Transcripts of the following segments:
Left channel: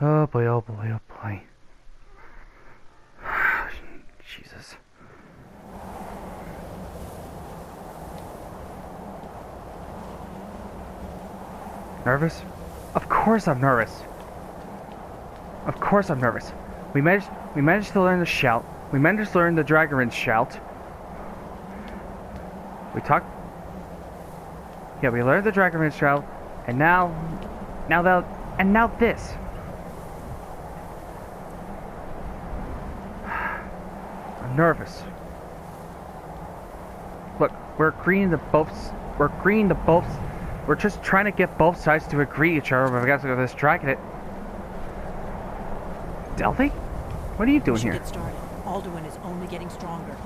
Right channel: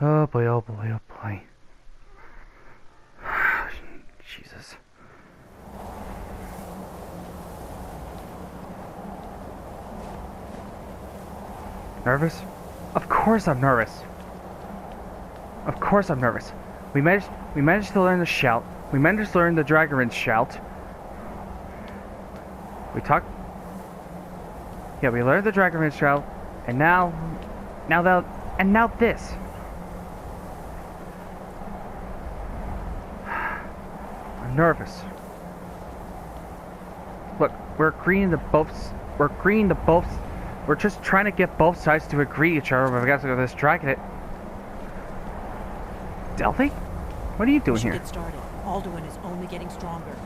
Oh boy, oh boy, oh boy. Jesus. Nervous? Of course I'm nervous. Of course I'm nervous. We managed to learn the shout. We managed to learn the Dragonborn shout. We learned the Dragonborn shout, and now this. I'm nervous. Look, we're just trying to get both sides to agree each other, but we got to go this dragon. Delphi? What are you doing here? Get started. Alduin is only getting stronger.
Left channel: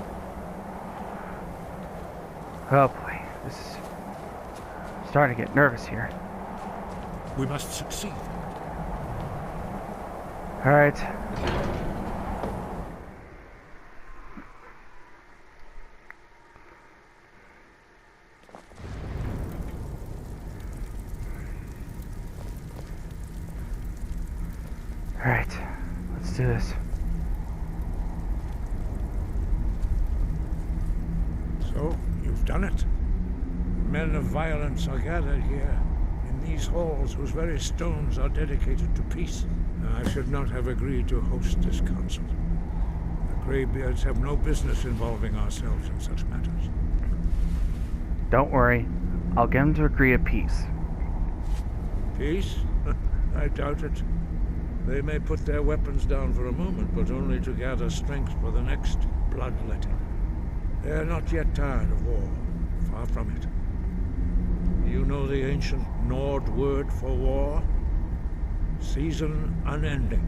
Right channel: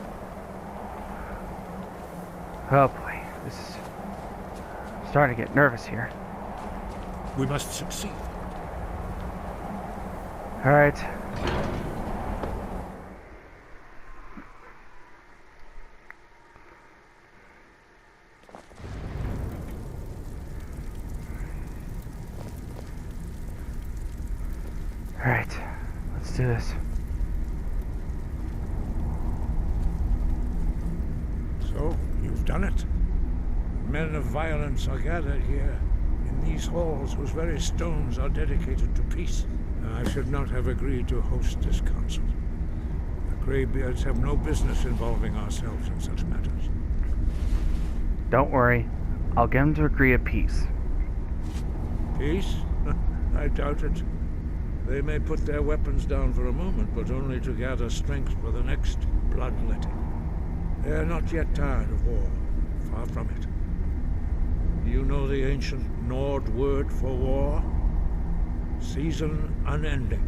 Oh boy, this is starting to get nervous here. We must succeed. All right. All right, let's do this. So, you've done it. Men of violence are gathered here, in these halls whose very stones are dedicated to peace. I should not have agreed to host this council. The Greybeards have no business involving ourselves in such matters. Don't worry, I'll get them to agree a peace. Peace? I doubt it. They may put their weapons down for a moment, but only to gather strength for the next bloodletting. They are not yet tired of war. Far from it. You know the ancient Nord word for war? Season unending.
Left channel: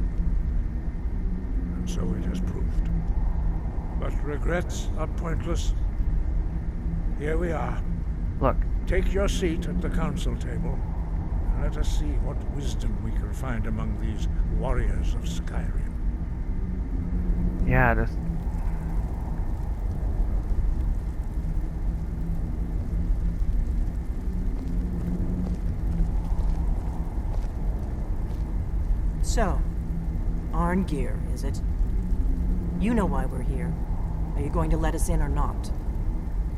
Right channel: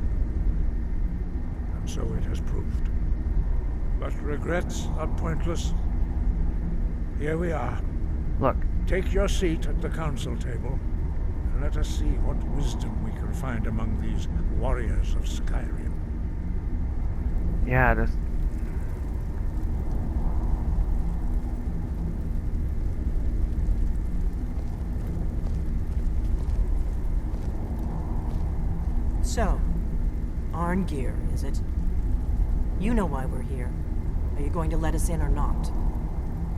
And so it has proved. But regrets are pointless. Here we are. Look. Take your seat at the council table, and let us see what wisdom we can find among these warriors of Skyrim. Yeah, just... So, Arngeir, is it? You know why we're here. Are you going to let us in or not?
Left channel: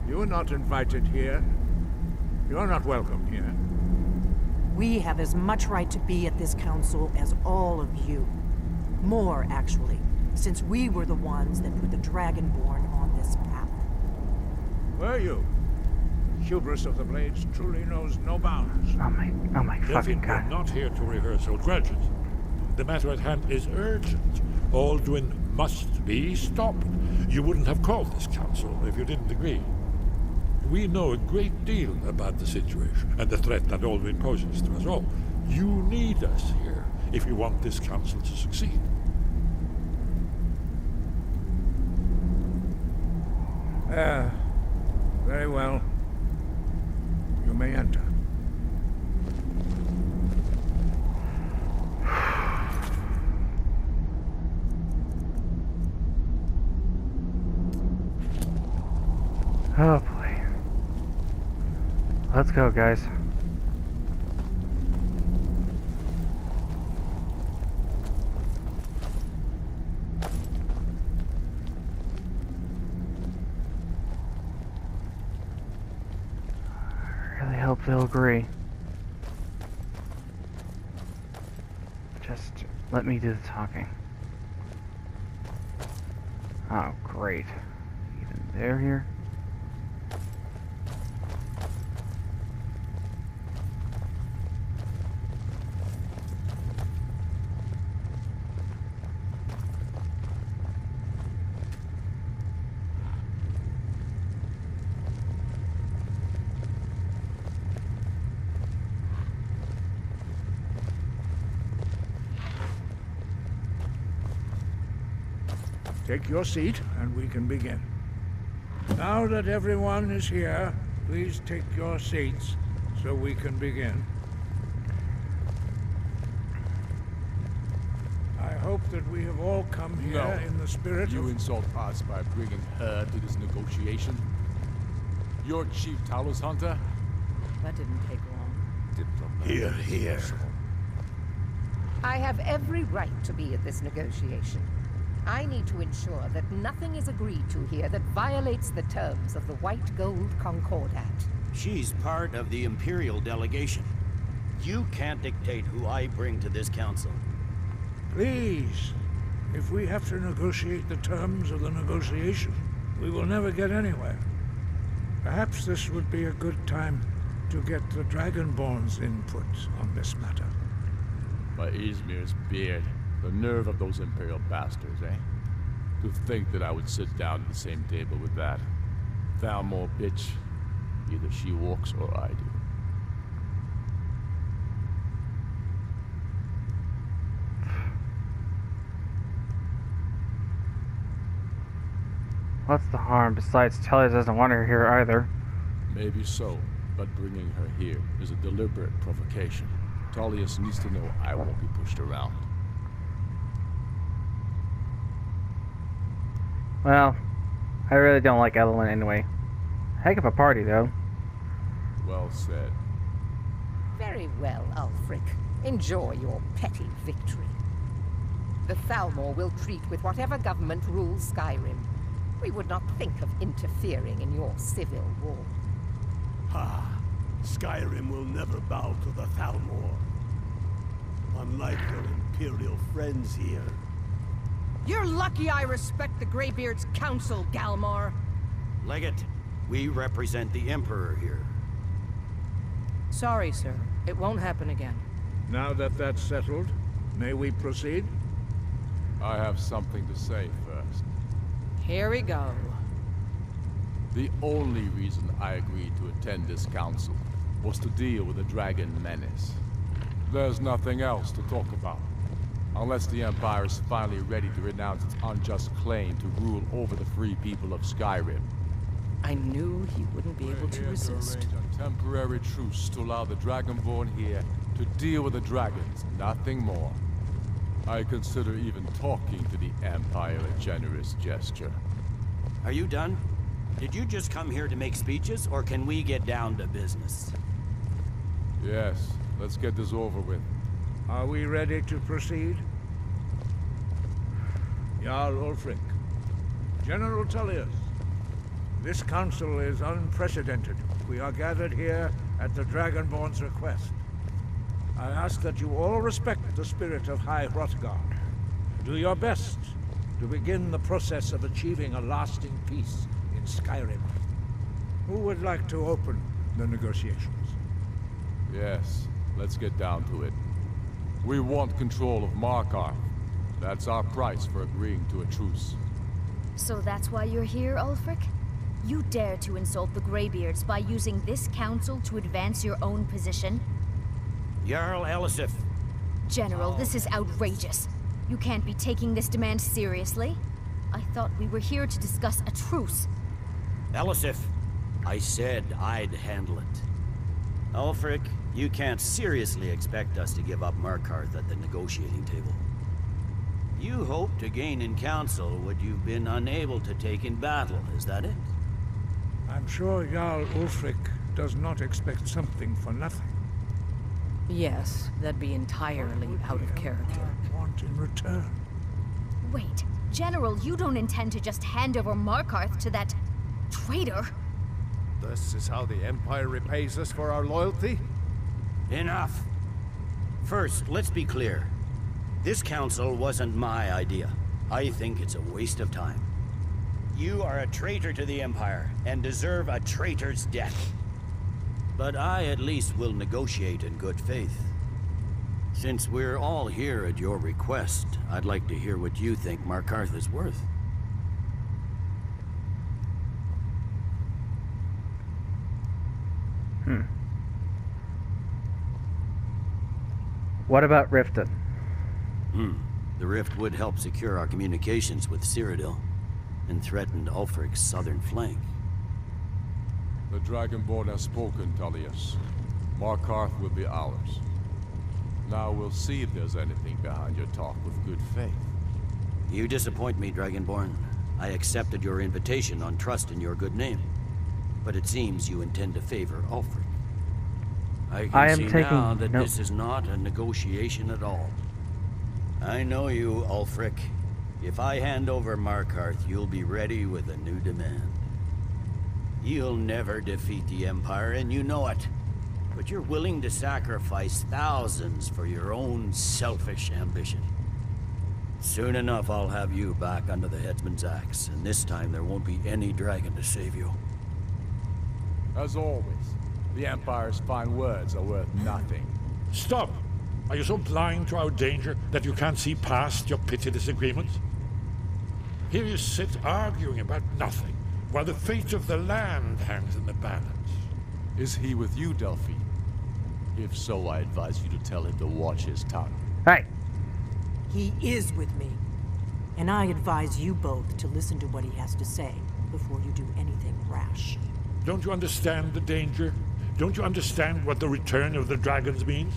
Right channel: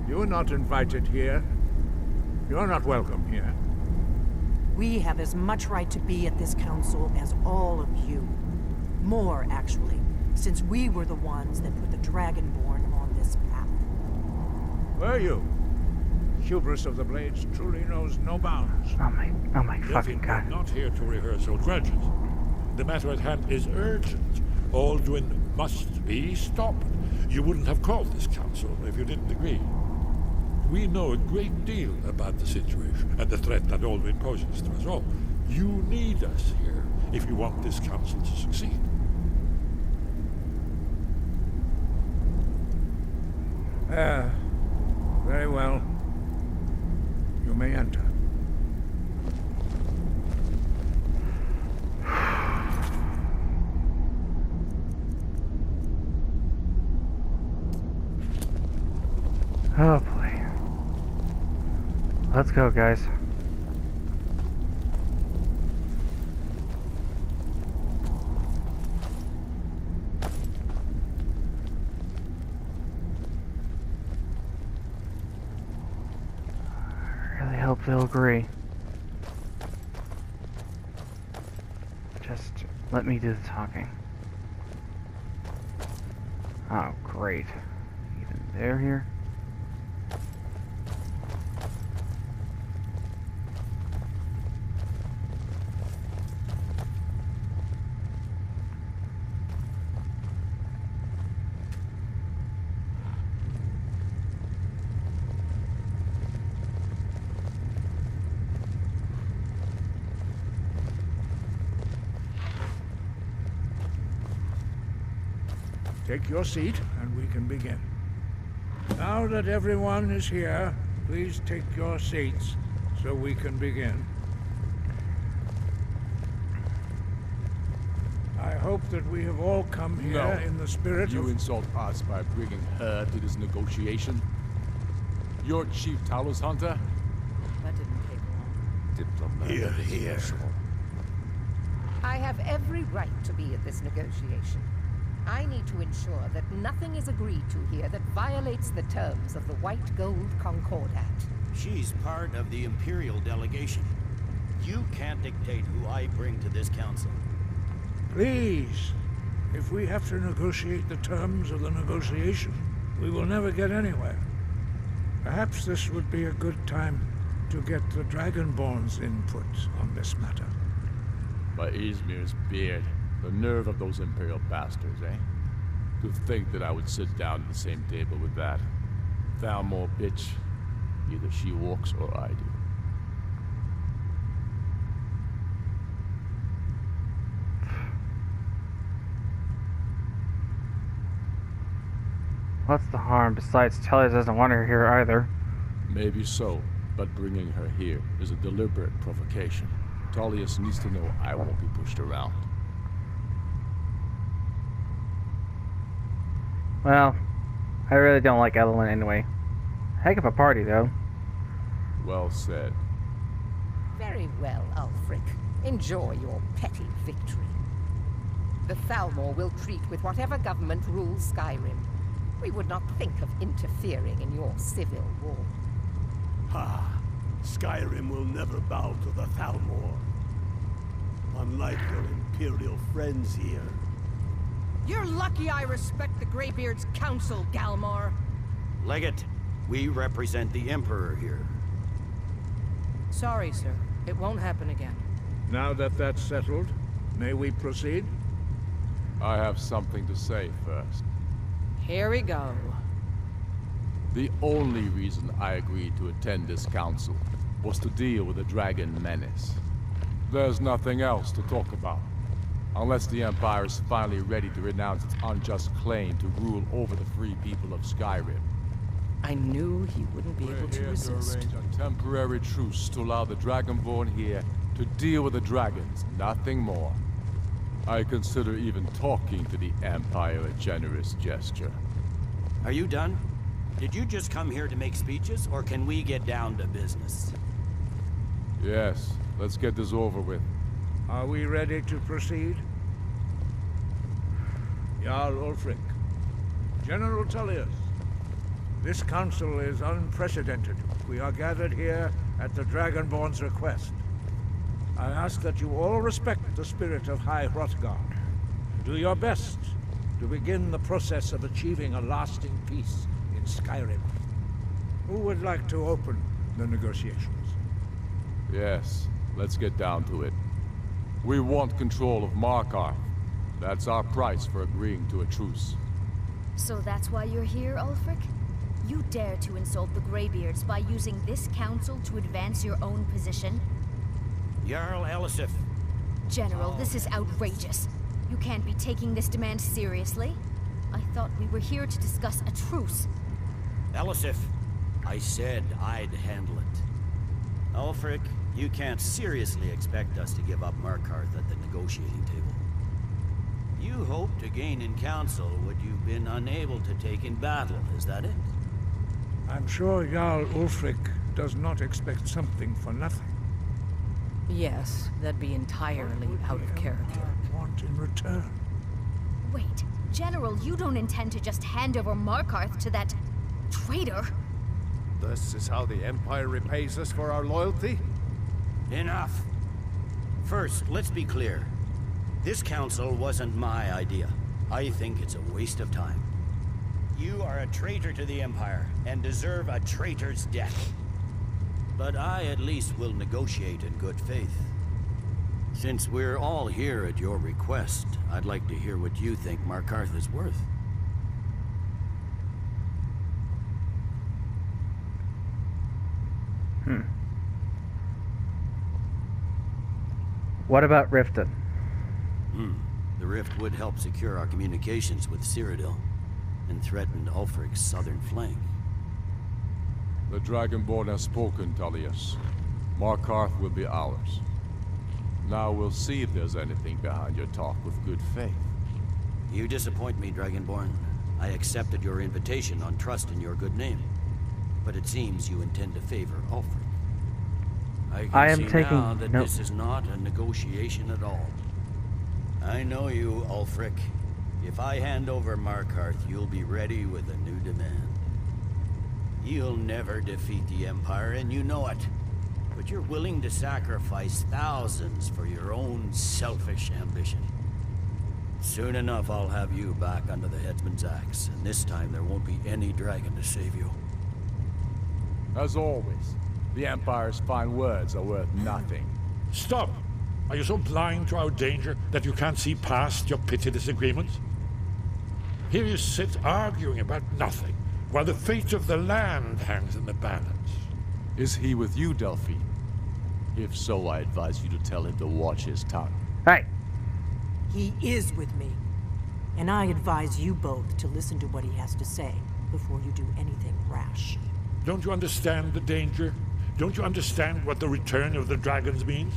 You're not invited here. You're not welcome here. We have as much right to be at this council as all of you. More, actually, since we were the ones that put the Dragonborn on this path. Were you? Hubris of the Blades truly knows no bounds. Oh my fucking god. We're not here to rehearse old grudges. The matter at hand is urgent. Alduin must be stopped. You wouldn't have called this council if you didn't agree. We know a great deal about the situation and the threat that Alduin poses to us all. You need us here if you want this council to succeed. Very well. You may enter. Oh boy. Let's go, guys. I really hope they'll agree. Just let me do the talking. Oh, great. Even they're here? Take your seat, and we can begin. Now that everyone is here, please take your seats, so we can begin. I hope that we have all come here in the spirit of... You insult us by bringing her to this negotiation? You're Chief Talos Hunter? That didn't take long. Diplomatic. Here. I have every right to be at this negotiation. I need to ensure that nothing is agreed to here that violates the terms of the White Gold Concordat. She's part of the Imperial delegation. You can't dictate who I bring to this council. Please, if we have to negotiate the terms of the negotiation, we will never get anywhere. Perhaps this would be a good time to get the Dragonborn's input on this matter. By Izmir's beard, the nerve of those Imperial bastards, eh? To think that I would sit down at the same table with that. Thalmor bitch. Either she walks or I do. What's the harm? Besides, Talia doesn't want her here either. Maybe so, but bringing her here is a deliberate provocation. Tullius needs to know I won't be pushed around. Well, I really don't like Alduin anyway. Heck of a party, though. Well said. Very well, Ulfric. Enjoy your petty victory. The Thalmor will treat with whatever government rules Skyrim. We would not think of interfering in your civil war. Ha! Skyrim will never bow to the Thalmor. Unlike your Imperial friends here. You're lucky I respect the Greybeards' council, Galmar. Legate, we represent the Emperor here. Sorry, sir. It won't happen again. Now that that's settled, may we proceed? I have something to say first. Here we go. The only reason I agreed to attend this council was to deal with the dragon menace. There's nothing else to talk about. Unless the Empire is finally ready to renounce its unjust claim to rule over the free people of Skyrim. I knew he wouldn't be able to resist. To arrange a temporary truce to allow the Dragonborn here to deal with the dragons, nothing more. I consider even talking to the Empire a generous gesture. Are you done? Did you just come here to make speeches, or can we get down to business? Yes, let's get this over with. Are we ready to proceed? Jarl Ulfric, General Tullius, this council is unprecedented. We are gathered here at the Dragonborn's request. I ask that you all respect the spirit of High Hrothgar. Do your best to begin the process of achieving a lasting peace in Skyrim. Who would like to open the negotiations? Yes, let's get down to it. We want control of Markarth. That's our price for agreeing to a truce. So that's why you're here, Ulfric? You dare to insult the Greybeards by using this council to advance your own position? Jarl Elisif. General, this is outrageous. You can't be taking this demand seriously. I thought we were here to discuss a truce. Elisif, I said I'd handle it. Ulfric, you can't seriously expect us to give up Markarth at the negotiating table. You hoped to gain in council what you've been unable to take in battle, is that it? I'm sure Jarl Ulfric does not expect something for nothing. Yes, that'd be entirely out of character. Want in return? Wait, General, you don't intend to just hand over Markarth to that traitor? This is how the Empire repays us for our loyalty? Enough! First, let's be clear. This council wasn't my idea. I think it's a waste of time. You are a traitor to the Empire, and deserve a traitor's death. But I at least will negotiate in good faith. Since we're all here at your request, I'd like to hear what you think Markarth is worth. What about Riften? The rift would help secure our communications with Cyrodiil, and threatened Ulfric's southern flank. The Dragonborn has spoken, Tullius. Markarth will be ours. Now we'll see if there's anything behind your talk with good faith. You disappoint me, Dragonborn. I accepted your invitation on trust in your good name. But it seems you intend to favor Ulfric. I I am can see taking now that no- this is not a negotiation at all. I know you, Ulfric. If I hand over Markarth, you'll be ready with a new demand. You'll never defeat the Empire, and you know it. But you're willing to sacrifice thousands for your own selfish ambition. Soon enough, I'll have you back under the headsman's axe, and this time there won't be any dragon to save you. As always, the Empire's fine words are worth nothing. Stop! Are you so blind to our danger that you can't see past your petty disagreements? Here you sit arguing about nothing, while the fate of the land hangs in the balance. Is he with you, Delphine? If so, I advise you to tell him to watch his tongue. Hey! He is with me. And I advise you both to listen to what he has to say before you do anything rash. Don't you understand the danger? Don't you understand what the return of the dragons means?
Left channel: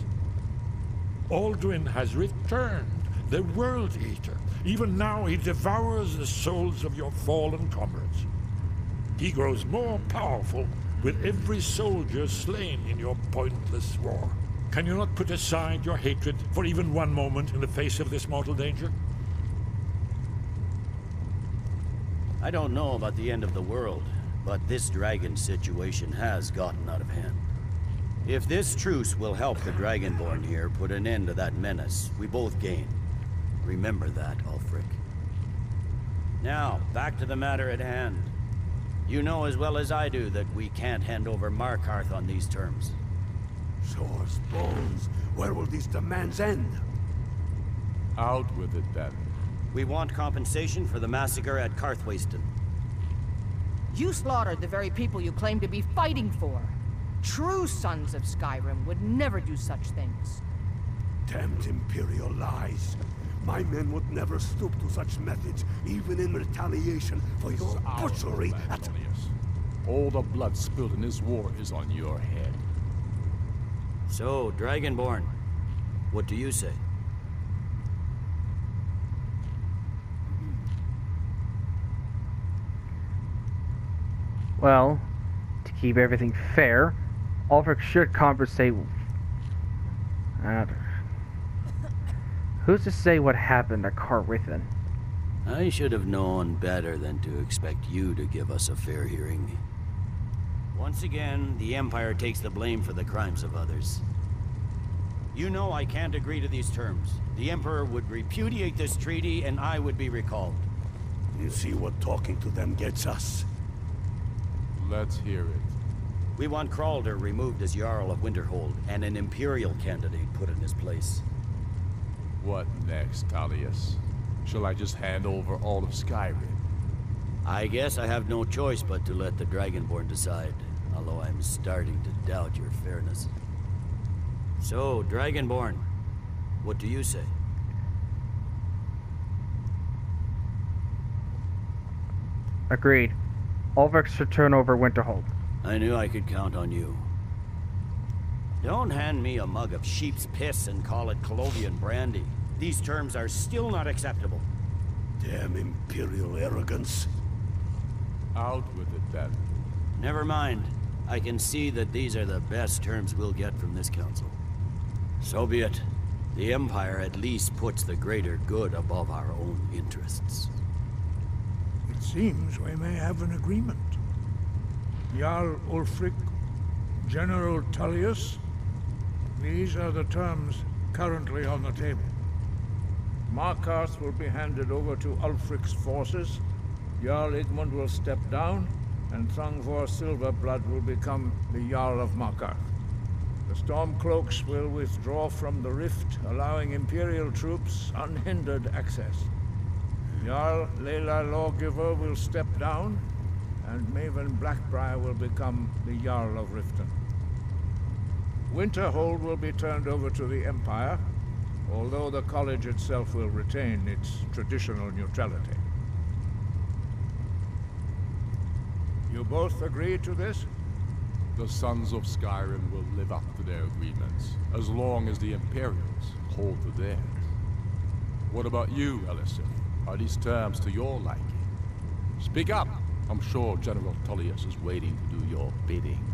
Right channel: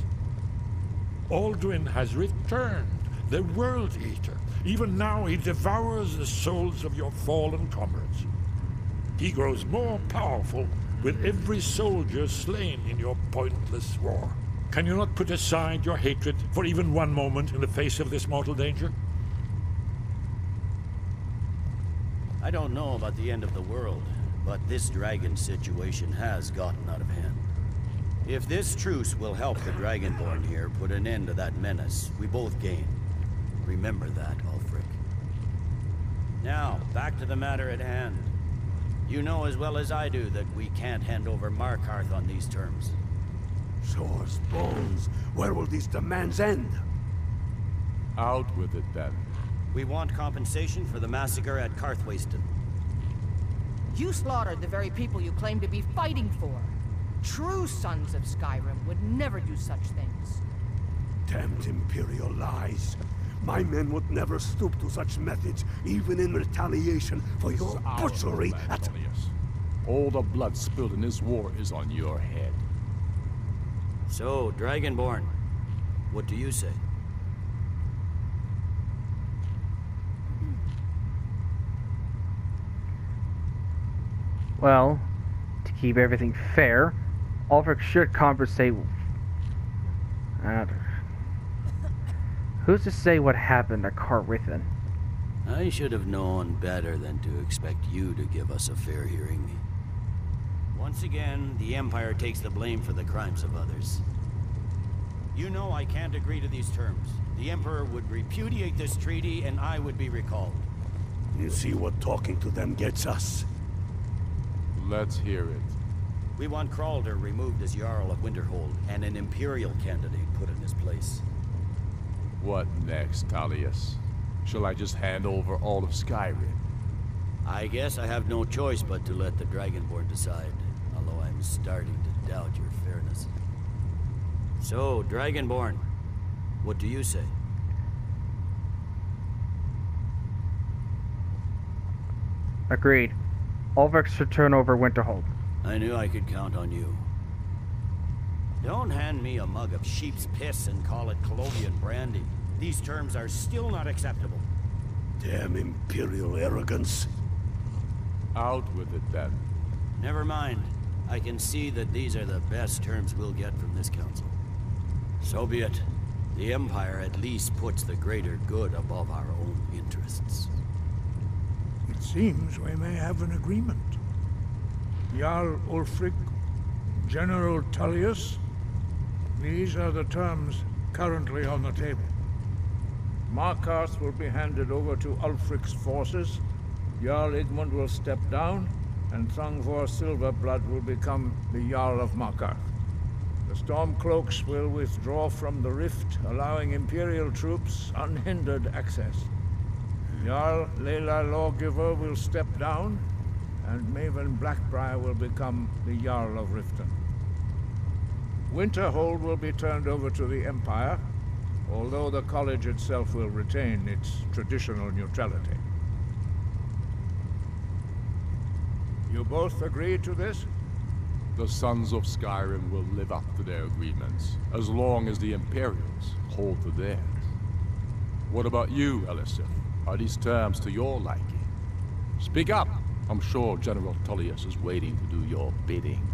Alduin has returned, the World Eater. Even now he devours the souls of your fallen comrades. He grows more powerful with every soldier slain in your pointless war. Can you not put aside your hatred for even one moment in the face of this mortal danger? I don't know about the end of the world, but this dragon situation has gotten out of hand. If this truce will help the Dragonborn here put an end to that menace, we both gain. Remember that, Ulfric. Now, back to the matter at hand. You know as well as I do that we can't hand over Markarth on these terms. Swords, bones, where will these demands end? Out with it, then. We want compensation for the massacre at Karthwasten. You slaughtered the very people you claim to be fighting for. True sons of Skyrim would never do such things. Damned Imperial lies. My men would never stoop to such methods, even in retaliation for your butchery at... Tullius. All the blood spilled in this war is on your head. So, Dragonborn, what do you say? Well, to keep everything fair, Ulfric should compensate... Who's to say what happened at Karthwasten? I should have known better than to expect you to give us a fair hearing. Once again, the Empire takes the blame for the crimes of others. You know I can't agree to these terms. The Emperor would repudiate this treaty and I would be recalled. You see what talking to them gets us? Let's hear it. We want Kralder removed as Jarl of Winterhold and an Imperial candidate put in his place. What next, Tullius? Shall I just hand over all of Skyrim? I guess I have no choice but to let the Dragonborn decide, although I'm starting to doubt your fairness. So, Dragonborn, what do you say? Agreed. Ulfric should turn over Winterhold. I knew I could count on you. Don't hand me a mug of sheep's piss and call it Colovian brandy. These terms are still not acceptable. Damn Imperial arrogance. Out with it, then. Never mind. I can see that these are the best terms we'll get from this council. So be it. The Empire at least puts the greater good above our own interests. It seems we may have an agreement. Jarl Ulfric, General Tullius, these are the terms currently on the table. Markarth will be handed over to Ulfric's forces, Jarl Igmund will step down, and Thungvor Silverblood will become the Jarl of Markarth. The Stormcloaks will withdraw from the rift, allowing Imperial troops unhindered access. Jarl Leila Lawgiver will step down, and Maven Blackbriar will become the Jarl of Riften. Winterhold will be turned over to the Empire, although the college itself will retain its traditional neutrality. You both agree to this? The Sons of Skyrim will live up to their agreements, as long as the Imperials hold to theirs. What about you, Elisif? Are these terms to your liking? Speak up! I'm sure General Tullius is waiting to do your bidding.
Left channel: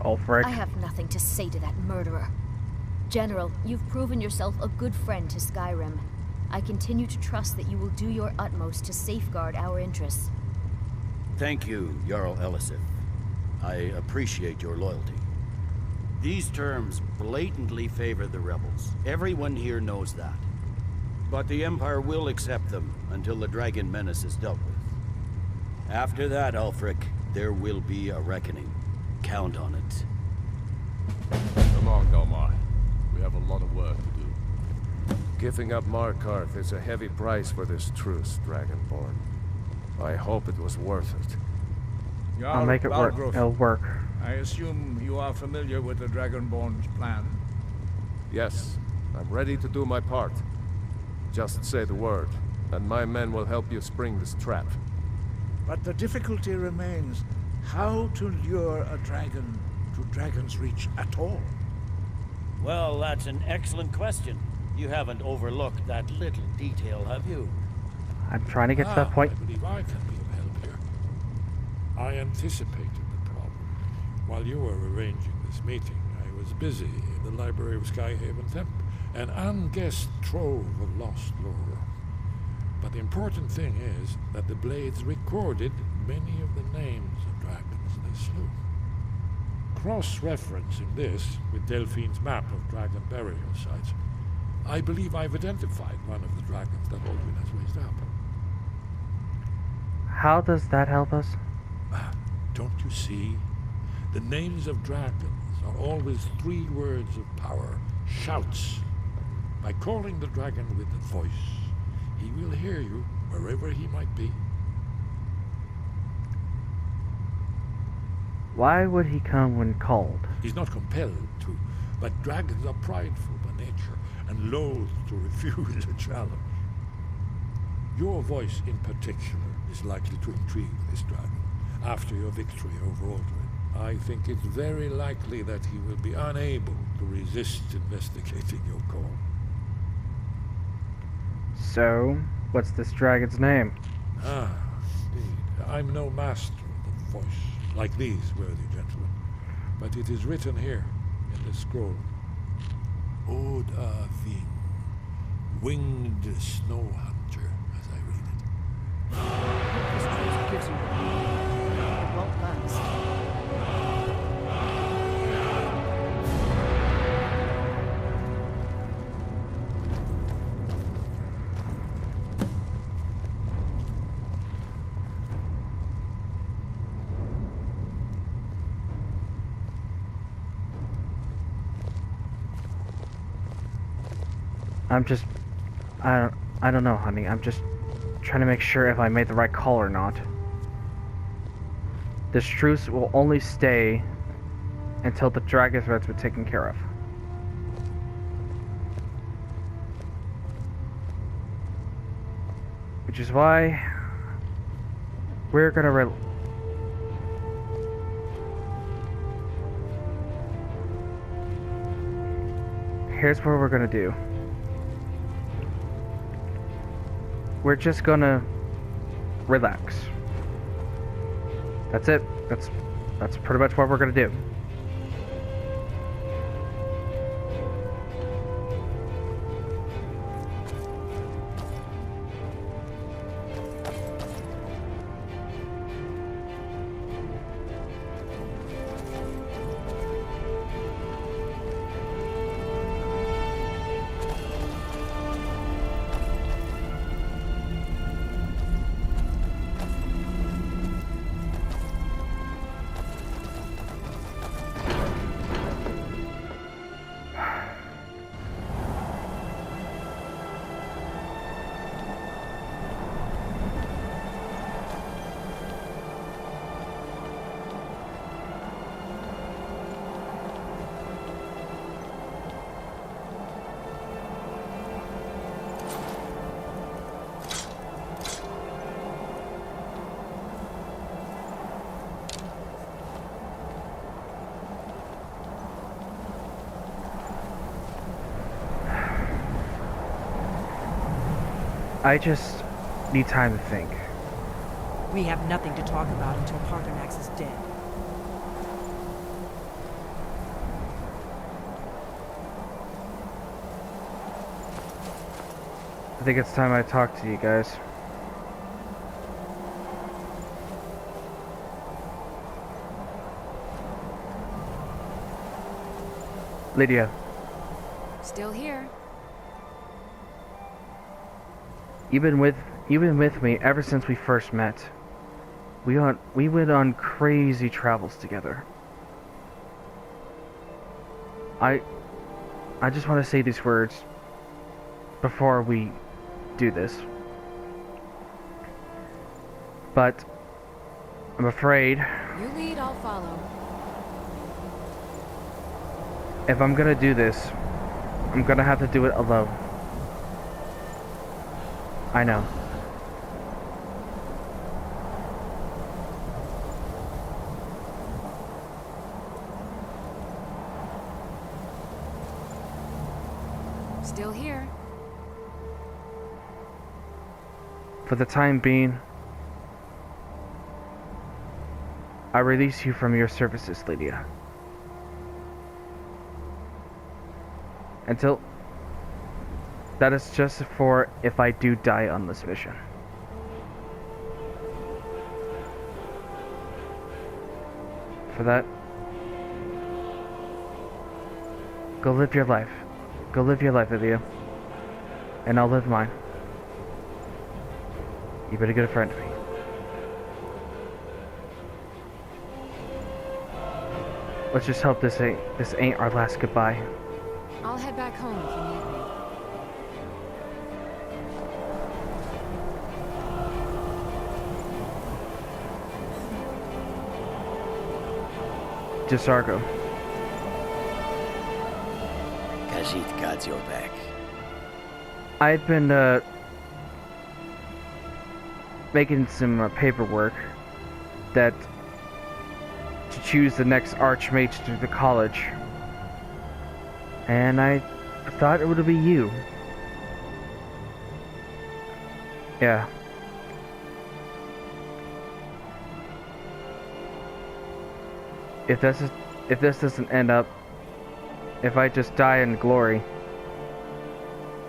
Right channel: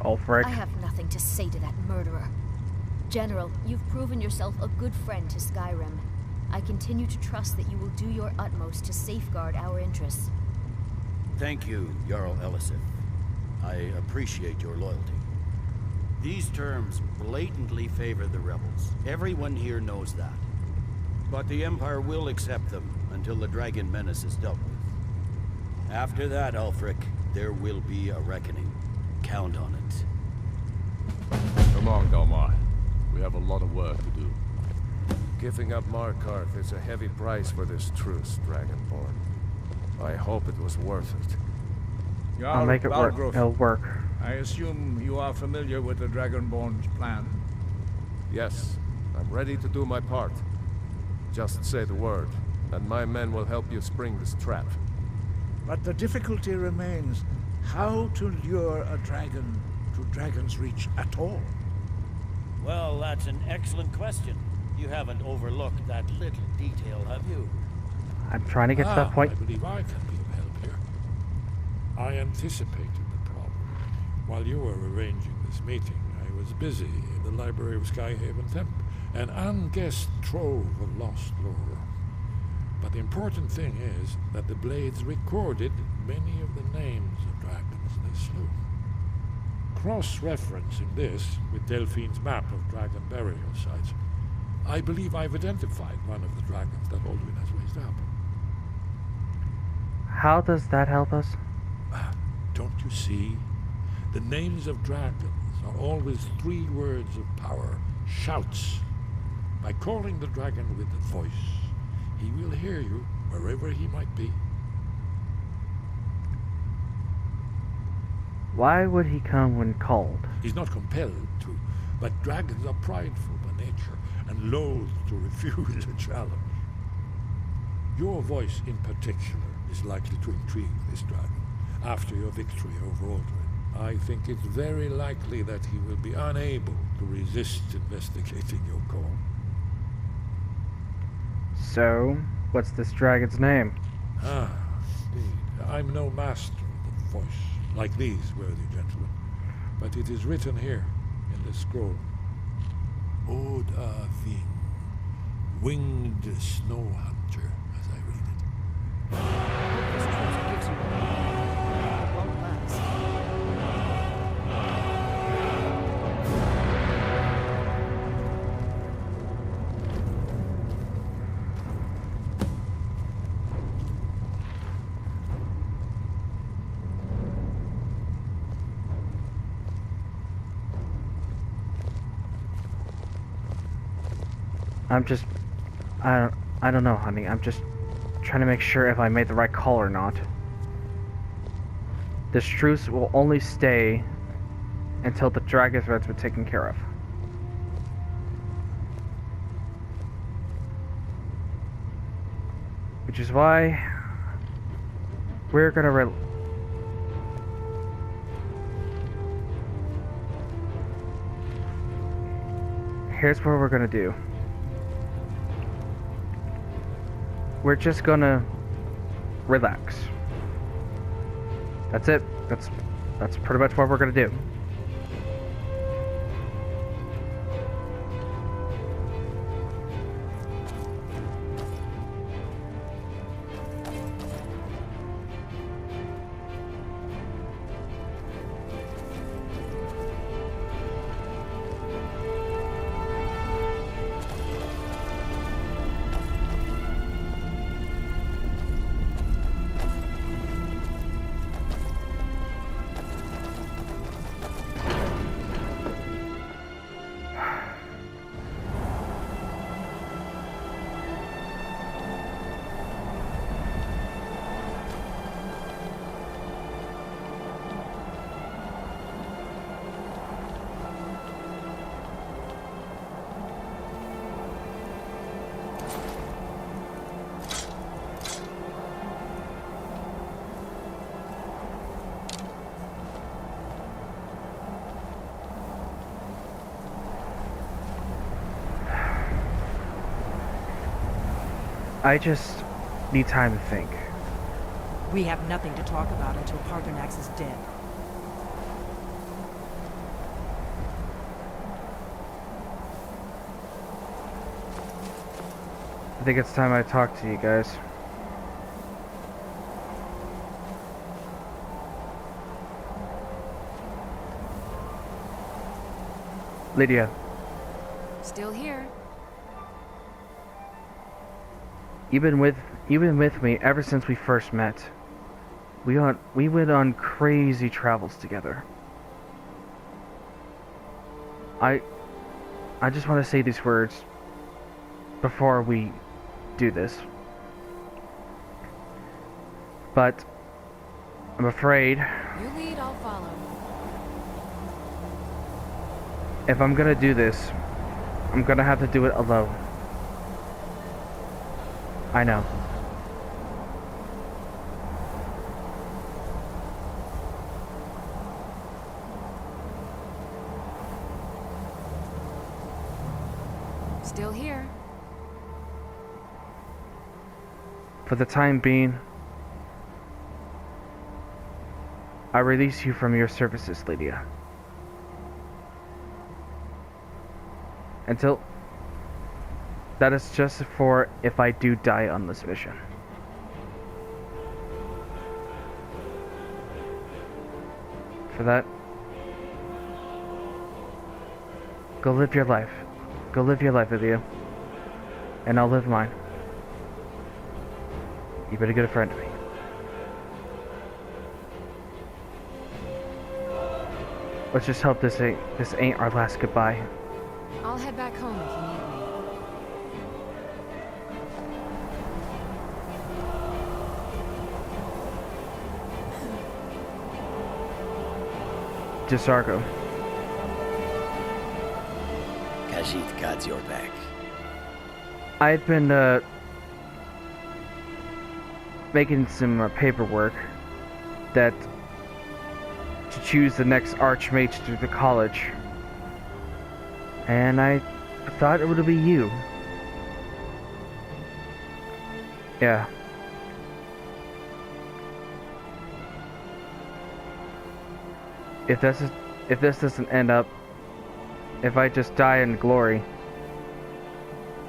Ulfric. I have nothing to say to that murderer. General, you've proven yourself a good friend to Skyrim. I continue to trust that you will do your utmost to safeguard our interests. Thank you, Jarl Elisif. I appreciate your loyalty. These terms blatantly favor the rebels. Everyone here knows that. But the Empire will accept them until the Dragon Menace is dealt with. After that, Ulfric, there will be a reckoning. Count on it. Come on, Galmar. We have a lot of work to do. Giving up Markarth is a heavy price for this truce, Dragonborn. I hope it was worth it. I'll make it work. It'll work. I assume you are familiar with the Dragonborn's plan? Yes, I'm ready to do my part. Just say the word, and my men will help you spring this trap. But the difficulty remains how to lure a dragon to Dragon's Reach at all. Well, that's an excellent question. You haven't overlooked that little detail, have you? I'm trying to get to that point. I believe I can be of help here. I anticipated the problem. While you were arranging this meeting, I was busy in the library of Skyhaven Temp, an unguessed trove of lost lore. But the important thing is that the blades recorded many of the names of dragons they slew. Cross-referencing this with Delphine's map of dragon burial sites, I believe I've identified one of the dragons that Alduin has raised up. How does that help us? Don't you see? The names of dragons are always 3 words of power, shouts. By calling the dragon with the voice, he will hear you wherever he might be. Why would he come when called? He's not compelled to, but dragons are prideful by nature and loath to refuse a challenge. Your voice in particular is likely to intrigue this dragon. After your victory over Alduin, I think it's very likely that he will be unable to resist investigating your call. So, what's this dragon's name? Ah, indeed. I'm no master of the voice, like these worthy gentlemen, but it is written here in this scroll. Oda Ving, winged snow hunter, as I read it. I hope this truce gives you one. It won't last. I don't know, honey. I'm just trying to make sure if I made the right call or not. This truce will only stay until the dragon threats were taken care of. Which is why we're gonna here's what we're gonna do. We're just gonna relax. That's it. That's pretty much what we're gonna do. I just need time to think. We have nothing to talk about until Paarthurnax is dead. I think it's time I talk to you guys. Lydia. Still here. You've been with me ever since we first met. We went on crazy travels together. I just want to say these words before we do this. But I'm afraid You lead, I'll follow. if I'm gonna do this, I'm gonna have to do it alone. I know. Still here. For the time being, I release you from your services, Lydia. Until... that is just for if I do die on this mission. For that, go live your life. Go live your life, Lydia. And I'll live mine. You better get a friend to me. Let's just hope this ain't our last goodbye. I'll head back home if you need me. Gisargo. Khajiit got your back. I'd been making some paperwork that to choose the next archmage through the college, and I thought it would be you. Yeah. If this doesn't end up, if I just die in glory,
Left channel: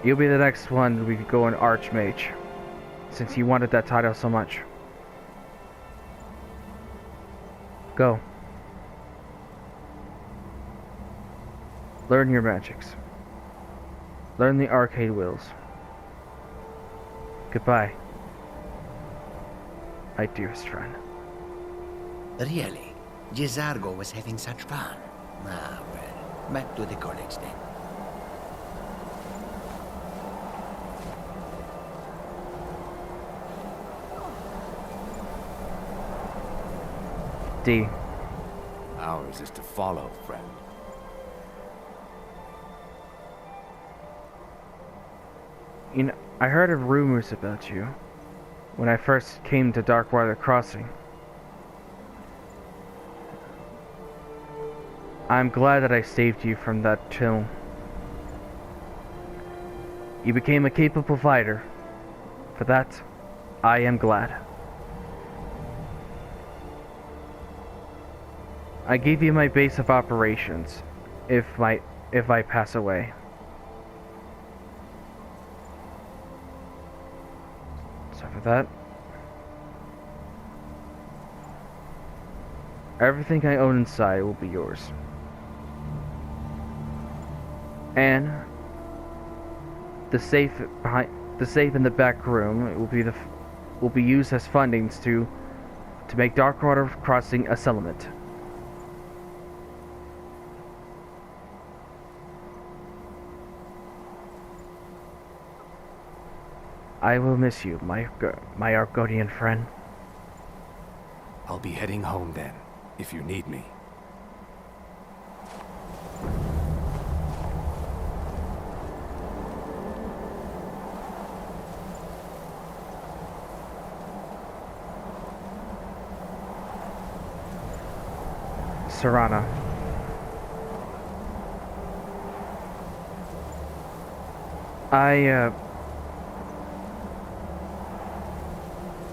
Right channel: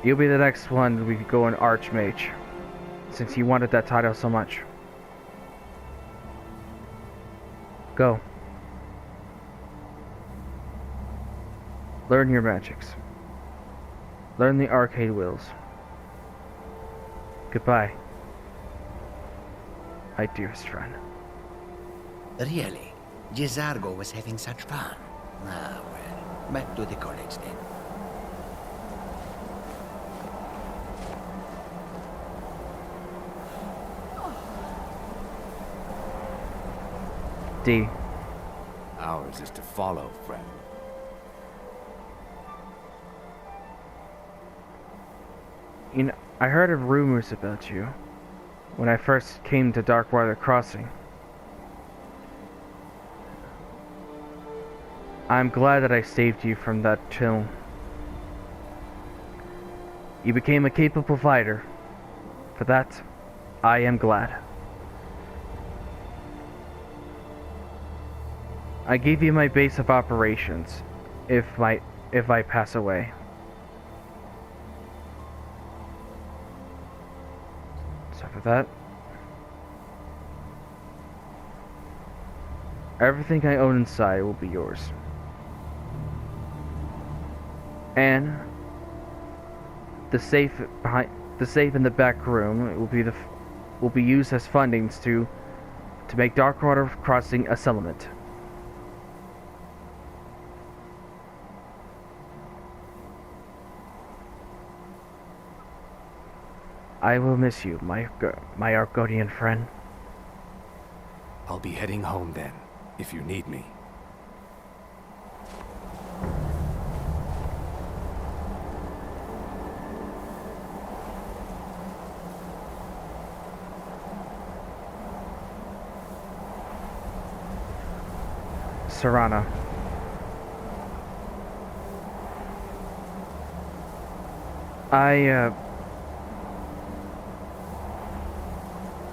you'll be the next one we could go an archmage, since you wanted that title so much. Go. Learn your magics. Learn the arcade wheels. Goodbye, my dearest friend. Really? Gisargo was having such fun. Ah, well, back to the college then. D. Ours is to follow, friend. You know, I heard of rumors about you when I first came to Darkwater Crossing. I'm glad that I saved you from that tomb. You became a capable fighter. For that, I am glad. I gave you my base of operations if I pass away. So for that, everything I own inside will be yours. And the safe in the back room will be used as fundings to make Darkwater Crossing a settlement. I will miss you, my Argonian friend. I'll be heading home then, if you need me. Serana.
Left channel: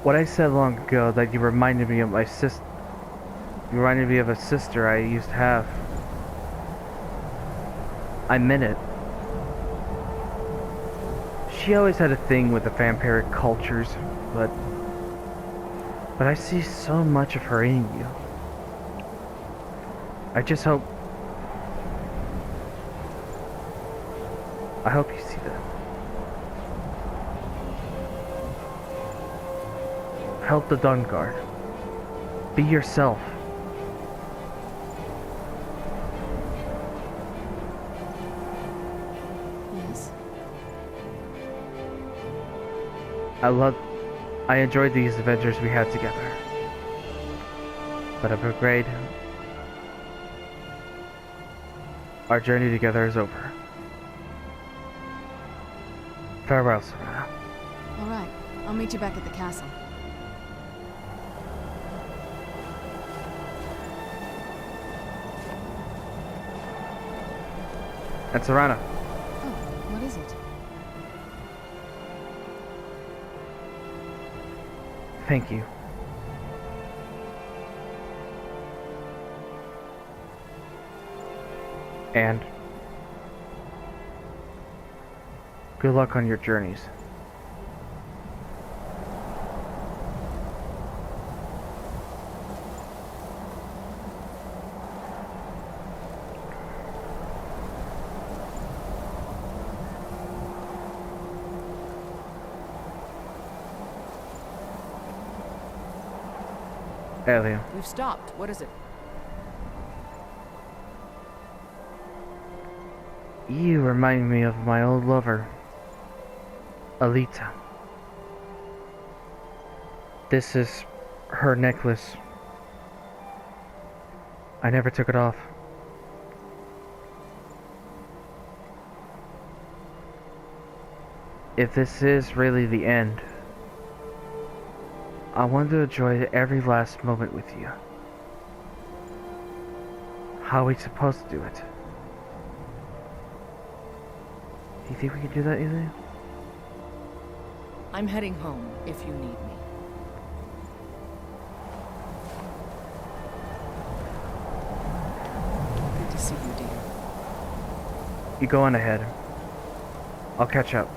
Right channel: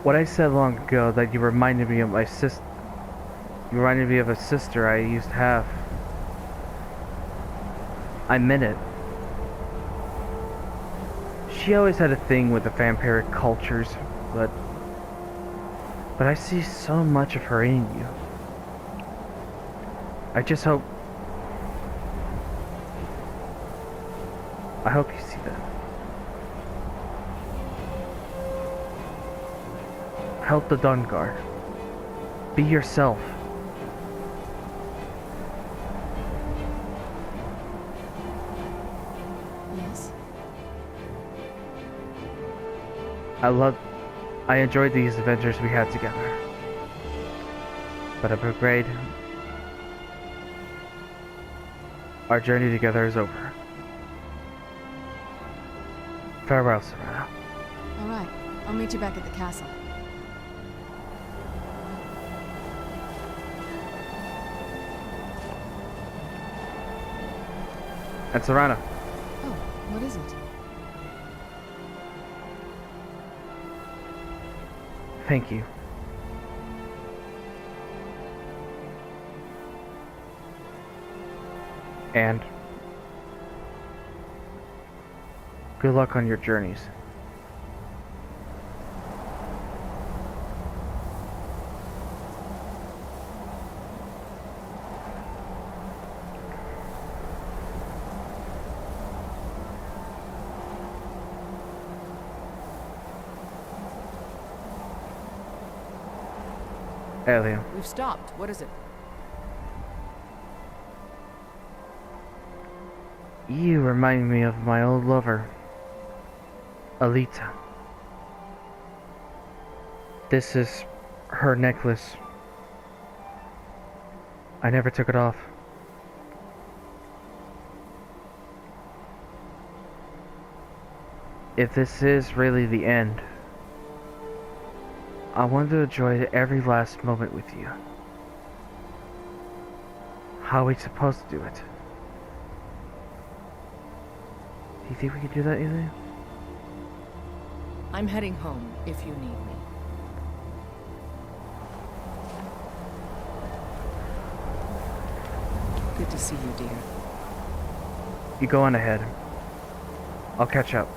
What I said long ago, that you reminded me of my sister. You reminded me of a sister I used to have. I meant it. she always had a thing with the vampiric cultures, but I see so much of her in you. I just hope... I hope you see that. Help the Dawnguard. Be yourself. Yes? I enjoyed these adventures we had together. But a brigade... Our journey together is over. Farewell, Serana. Alright, I'll meet you back at the castle. And Serana. Oh, what is it? Thank you. And good luck on your journeys. Alien. We've stopped. What is it? You remind me of my old lover, Alita. This is her necklace. I never took it off. If this is really the end, I want to enjoy every last moment with you. How are we supposed to do it? Do you think we can do that, Ilya? I'm heading home, if you need me. Good to see you, dear. You go on ahead. I'll catch up.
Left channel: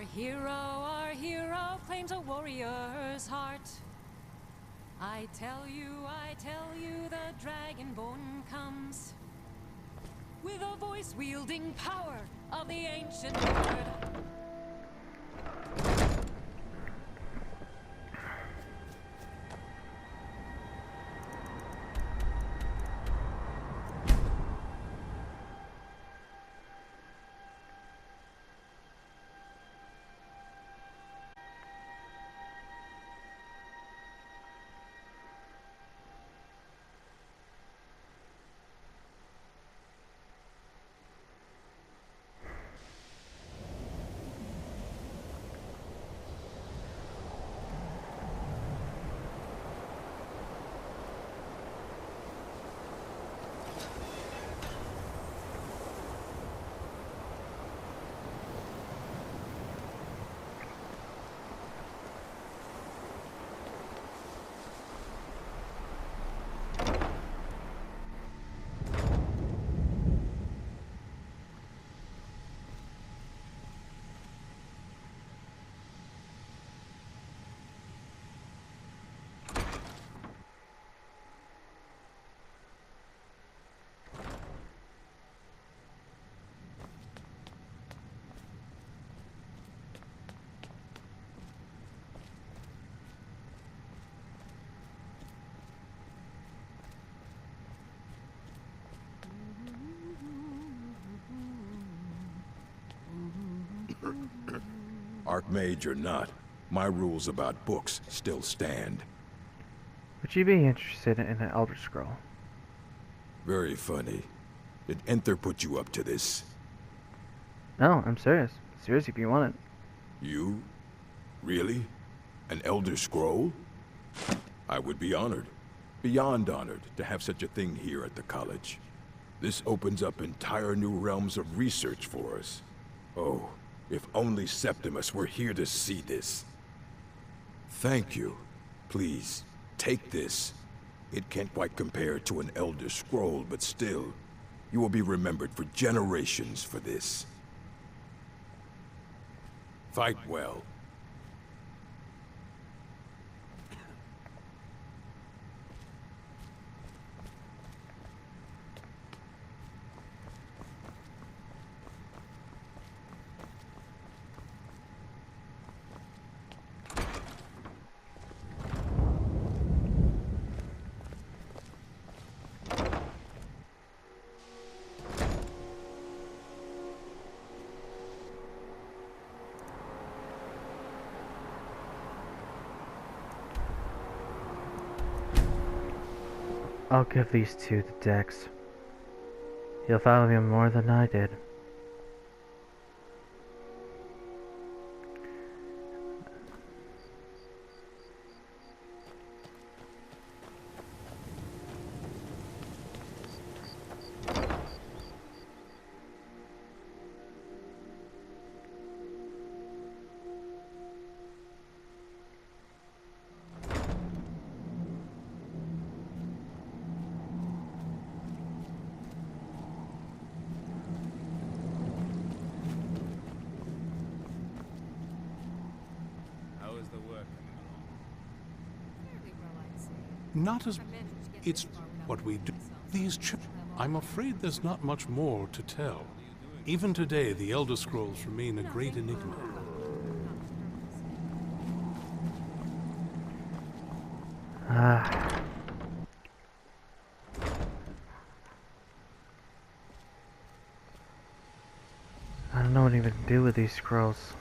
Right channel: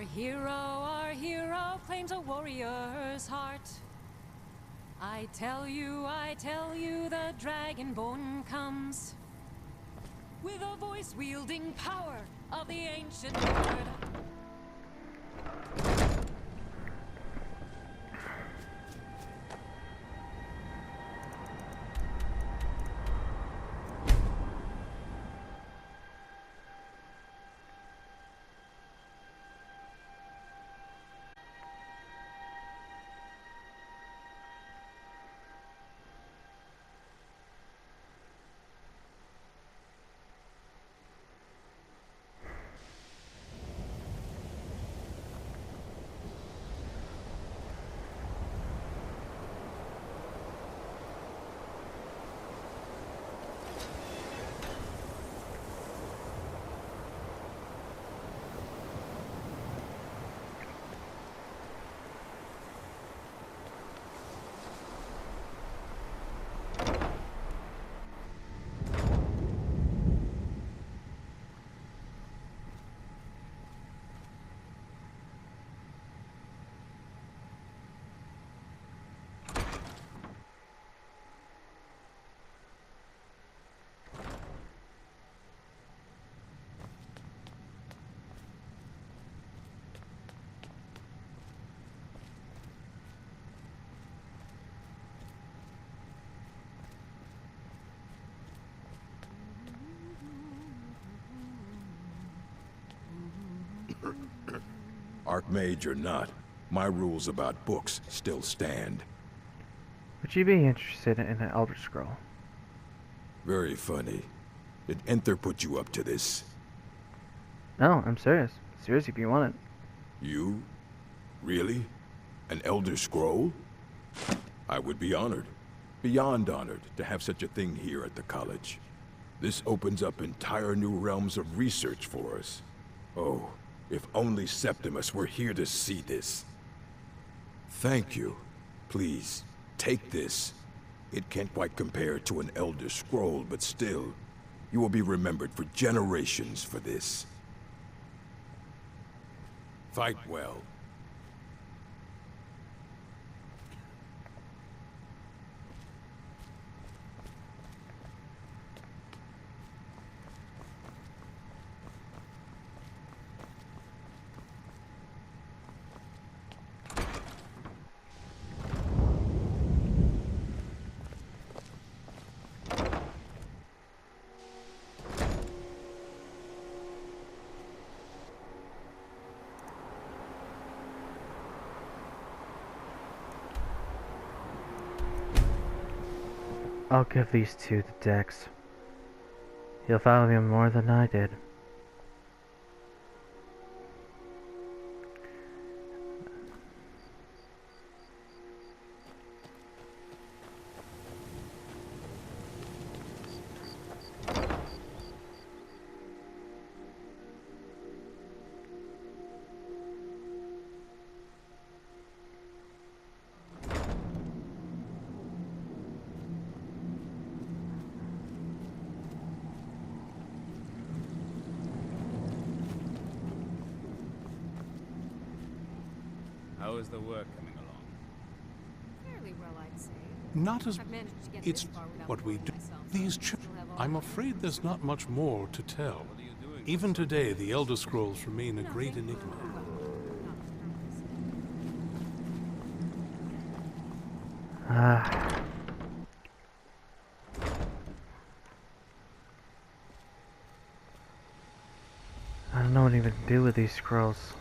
Our hero claims a warrior's heart. I tell you, the Dragonborn comes with a voice wielding power of the ancient Lord. Archmage or not, my rules about books still stand. Would you be interested in an Elder Scroll? Very funny. Did Enther put you up to this? No, I'm serious. Serious if you want it. You? Really? An Elder Scroll? I would be honored. Beyond honored to have such a thing here at the college. This opens up entire new realms of research for us. Oh, if only Septimus were here to see this. Thank you. Please, take this. It can't quite compare to an Elder Scroll, but still, you will be remembered for generations for this. Fight well. I'll give these two to Dex. He'll value them more than I did. How is the work coming along? Fairly well, I'd say. Not as... I've managed to get It's this far without what we do. myself. These I'm afraid there's not much more to tell. Even today, the Elder Scrolls remain a great enigma. I don't know what even to do with these scrolls.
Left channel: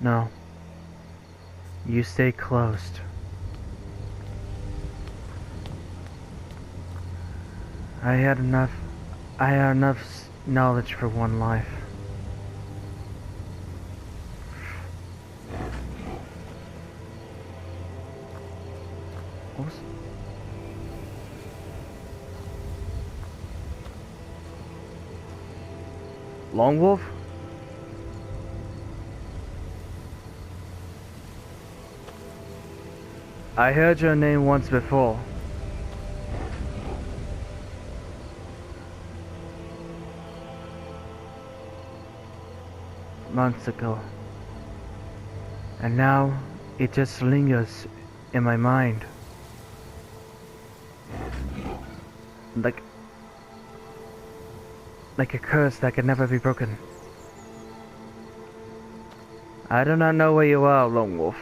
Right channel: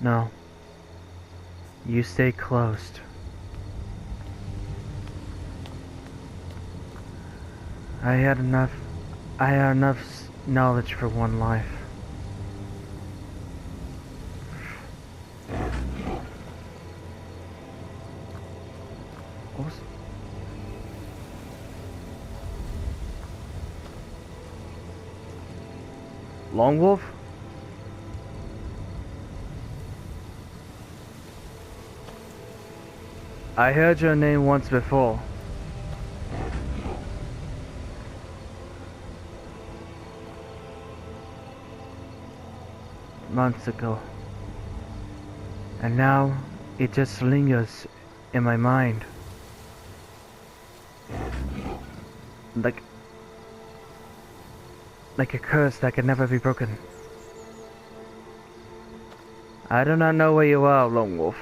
No. You stay closed. I had enough knowledge for one life. What was... Lone Wolf? I heard your name once before. months ago. And now, it just lingers in my mind. Like a curse that can never be broken. I do not know where you are, Lone Wolf.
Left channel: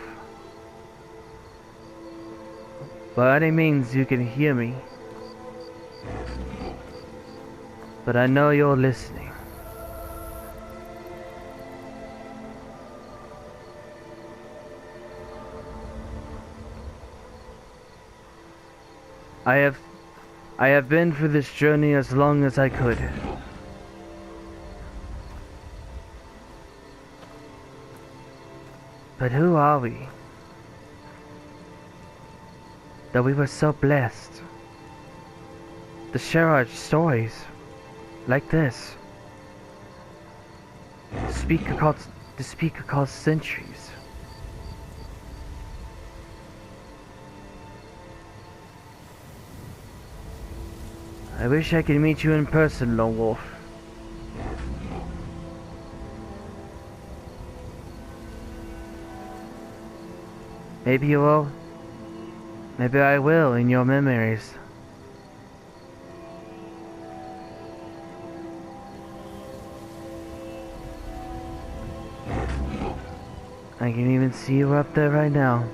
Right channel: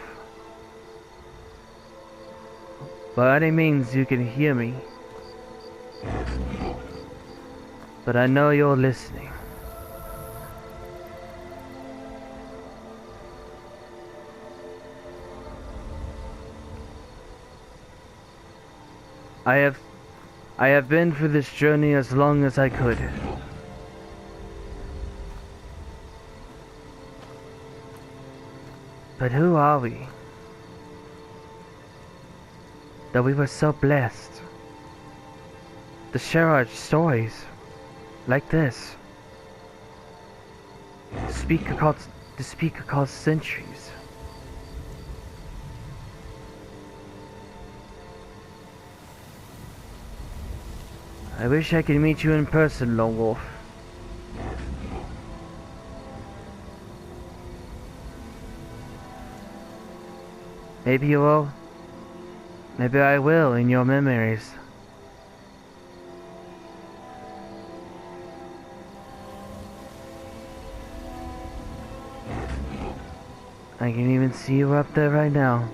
By any means you can hear me. But I know you're listening. I have been through this journey as long as I could. But who are we? That we were so blessed to share our stories like this. To speak across centuries. I wish I could meet you in person, Lone Wolf. Maybe you will. Maybe I will in your memories. I can even see you up there right now.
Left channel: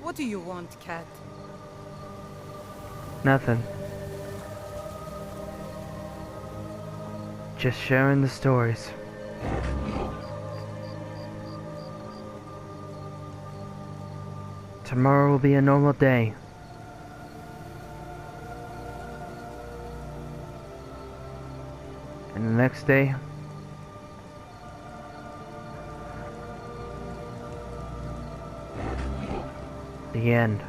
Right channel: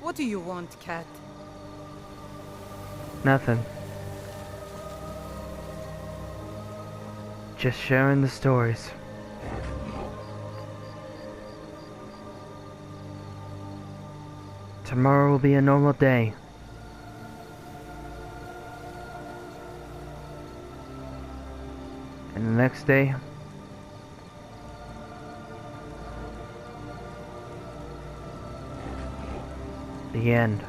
What do you want, cat? Nothing. Just sharing the stories. Tomorrow will be a normal day. And the next day, the end.